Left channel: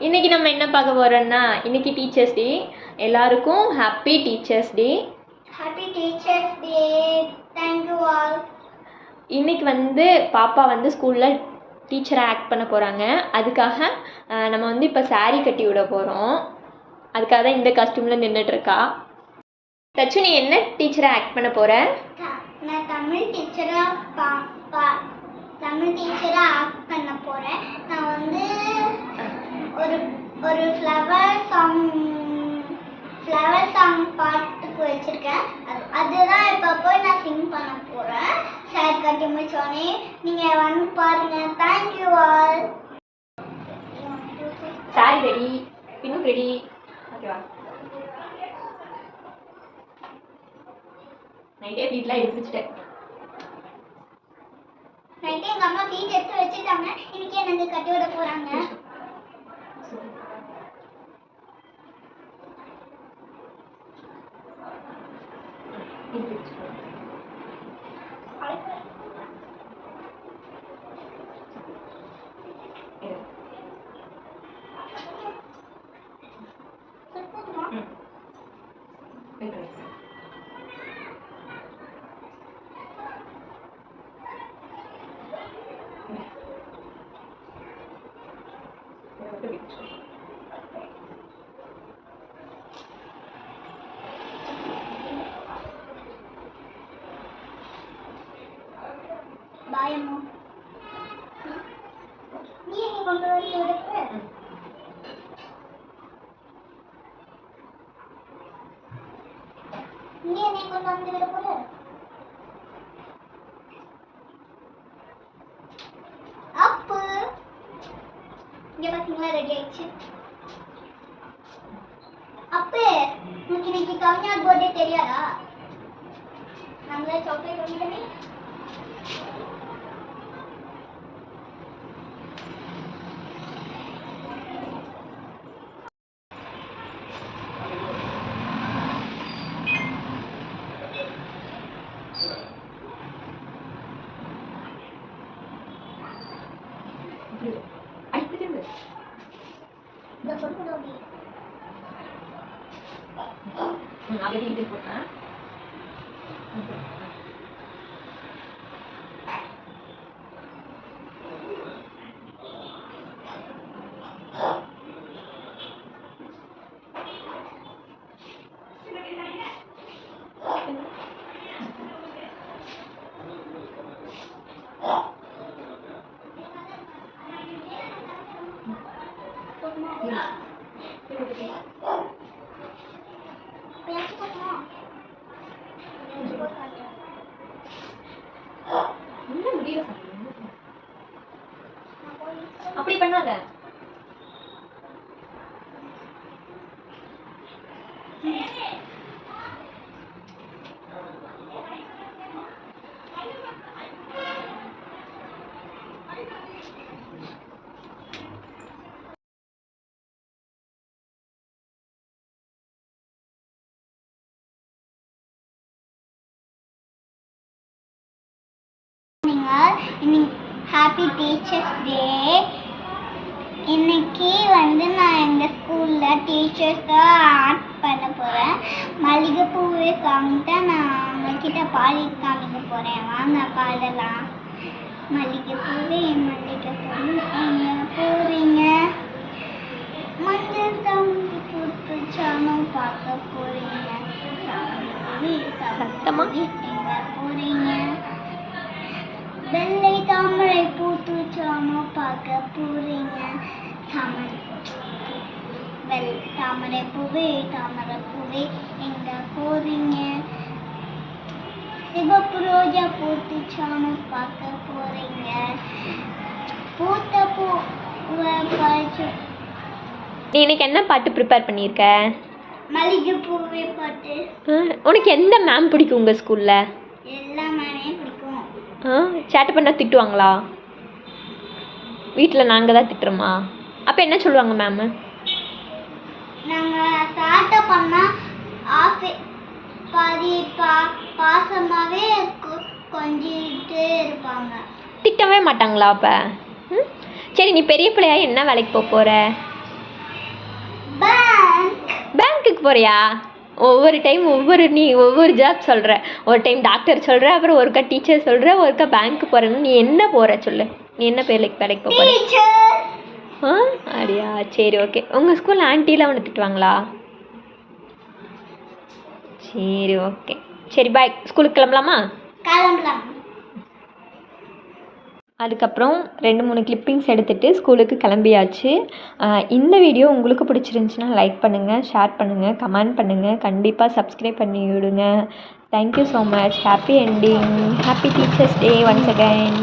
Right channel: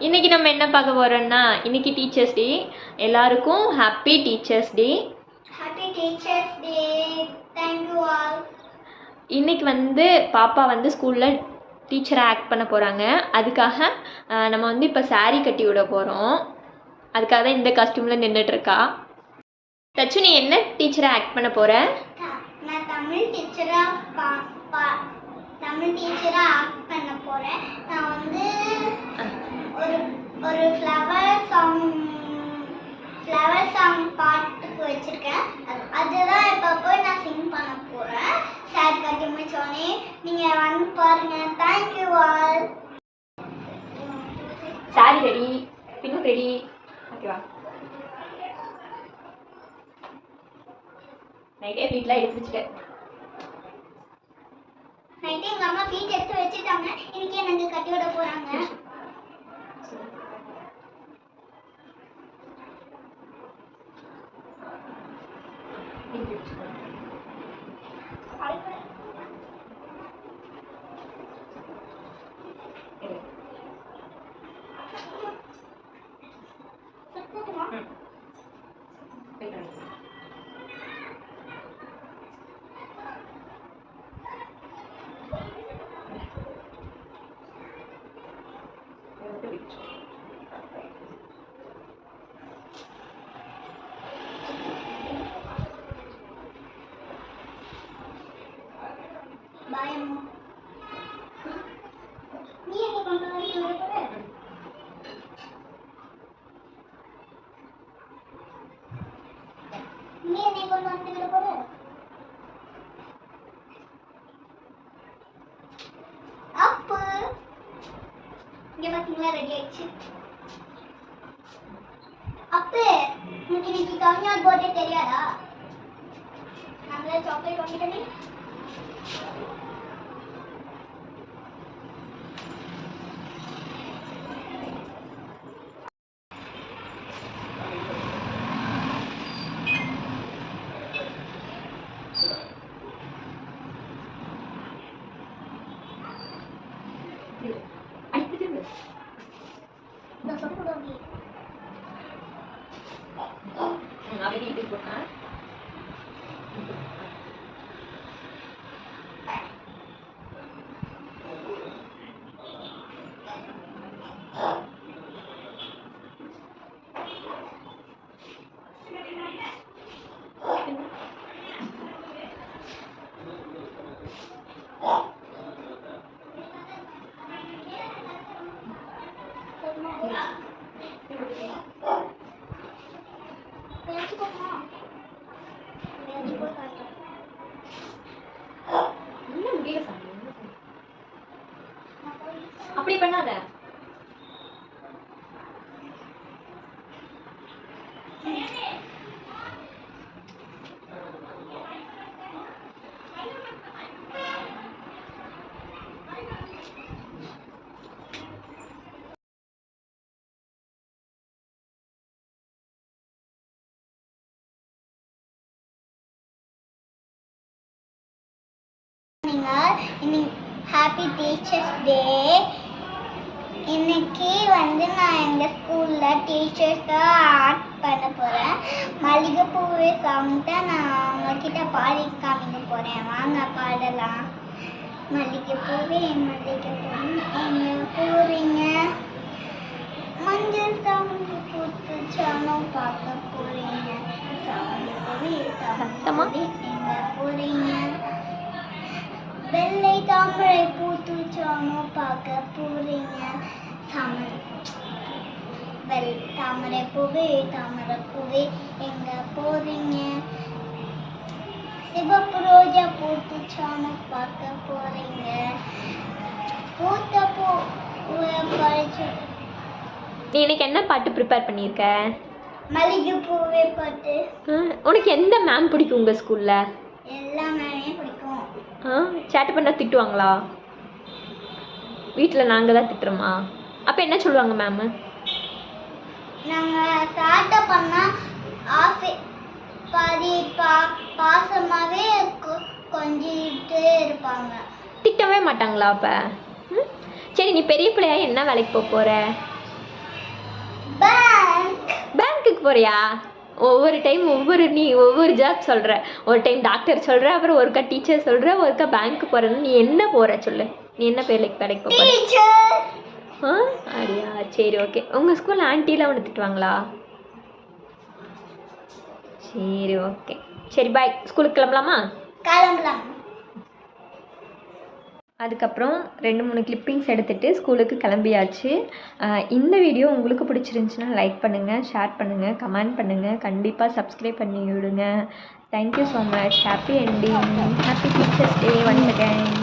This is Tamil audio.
இன்னைக்கு நம்ம என்ன பார்க்க போறோம்னா இன்னைக்கு டீச்சர்ஸ் டே எல்லாருக்கும் happy teachers day happy teachers day thank you all இன்னைக்கு வந்து பாப்பா வந்து ஸ்கூலில் டீச்சராக ஆக்ட் பண்ண போகிறாங்க அதுக்காக நம்ம வந்து இப்போ saree கட்டி விட போகிறோம் அதுக்காக தான் இந்த காஸ்டியூமில் நின்றுட்டுருக்கா தச்சு நீ என்ன டீச்சராக ஆக்ட் பண்ண போகிற நான் தமிழ் டீச்சராக தமிழ் டீச்சராக ஆக்ட் பண்ண போகிறேன் நான் வந்து ஒரு ஒரு ஃப்ளவர் சாங் ஃப்ளவர் சாங் பாட்டுக்கு வச்சுருக்கேன். அது அதுதான் இப்போ போய் நான் சிங் பண்ண போகிறேன் சார் கட்டி முடிச்சோடனே நீங்கள் வந்து பாருங்கள் thank you all sorry ready pin ready ஓகேவா நைட்டே வீட்டில் எடுத்துச்சுட்டேன் நைட்டு எங்கள் அம்மா ஃபீட் எடுத்து வச்சுட்டாங்க. இன்னைக்கு எனக்கு கட்டி விட போகிறாங்க பாய் அம்மா நீ என்னை கொண்டு வந்து விட போற நீ என்னை கொண்டு வந்து விட போற அப்பு. இங்க பாத்தீங்களா ரெடி ஆயிடுச்சு. அப்பே உனக்கு இன்னைக்கு கவிஞர் பர்த்டே தெரியாதா? நம்மள சாக்லேட் வாங்கிட்டோமே dari liputan Thank. அப்படி பண்ணாத. நீங்கள் இன்னைக்கு ஹாப்பி டீச்சர்ஸ் டே இன்னைக்கு வந்து நான் எங்கள் ஸ்கூலில் டீச்சர்ஸாக ஆக்ட் பண்ண போகிறேன் மல்லிகைப்பூவே சாங் தான் நான் உங்ககிட்ட பாடி காமிக்க போகிறேன் வாங்க பாடலாம். மல்லிகைப்பூவே மல்லிகைப்பூவே எங்கே போகிறீங்க மஞ்சள் சாமி பூத்து சாணம் பார்க்க போகிறீங்க சாமி பூவே சத்தமா? எங்கே போகிறீங்க வெள்ளை தாமரை சாமம் பார்க்க போறீங்க தாமரை வெள் தாமரை பூவே தாமரை பூவே எங்க போறீங்க? சிவப்பு ரோஜா பூத்து சாமம் பார்க்க போறீங்க. பூத்த பூவை பறிச்சு நீ இன்னைக்கு என்ன பாட்டு ப்ரிப்பேர் பண்ணியிருக்க? மல்லிகை பூவே பாட்டு. உனக்கு எந்த மேம் பிடிக்கும் உங்கள் ஸ்கூலில் எல்லா மேமே பிடிக்கும். ஆ சேட்டை பண்ணால் திட்டுவாங்களா? வீட்டில் நாங்கள் தான் திட்டுறோமா? அப்போ என்ன சொல்லுவாங்க மேமு நாங்கள் சாட்டை பண்ணால் ஆசை பாதி பா பாசமாகவே கொஞ்சிட்டே இருப்பாங்க. திட்டவே மாட்டாங்களா அப்போ? சரி நீ பெரிய பிள்ளையா என்ன வேலைக்கு போக போகிற பேங்க் பேங்க்குக்கு போறியா? ஒவ்வொரு டைம் ஒவ்வொரு நீ ஒவ்வொரு ஜாப் சொல்கிற ஒரு டைம் டாக்டர் சொல்கிற அப்புறம் ஒருக்கா டீச்சர் சொல்கிற ஒருக்கா பேங்க்கு போகிறேன்னு நீ என்ன போகிற சொல்லு? நீ என்ன வேலைக்கு வேலைக்கு போக ஆ அப்படியா சரி ஓகே உங்கள் ஸ்கூலில் ஆண்டிலாம் ஒன்று திட்டுவாங்களா? சரி ஓகே சரி பாய் ஸ்கூலுக்கு கிளம்பலாமா? கிளம்பலாம். அதுக்கப்புறம் ரெண்டு மூணு கிளிப்பிங்ஸ் எடுத்துகிட்டு ஸ்கூலுக்கு கிளம்பியாச்சு. இந்த வீடியோ உங்களுக்கு பிடிச்சிருந்துச்சுன்னா லைக் பண்ணுங்கள் ஷேர் பண்ணுங்கள் கமெண்ட் பண்ணுங்கள் கண்டிப்பாக சப்ஸ்கிரைப் பண்ணி விடுங்க. Thank you so much happy ending happy teachers day once again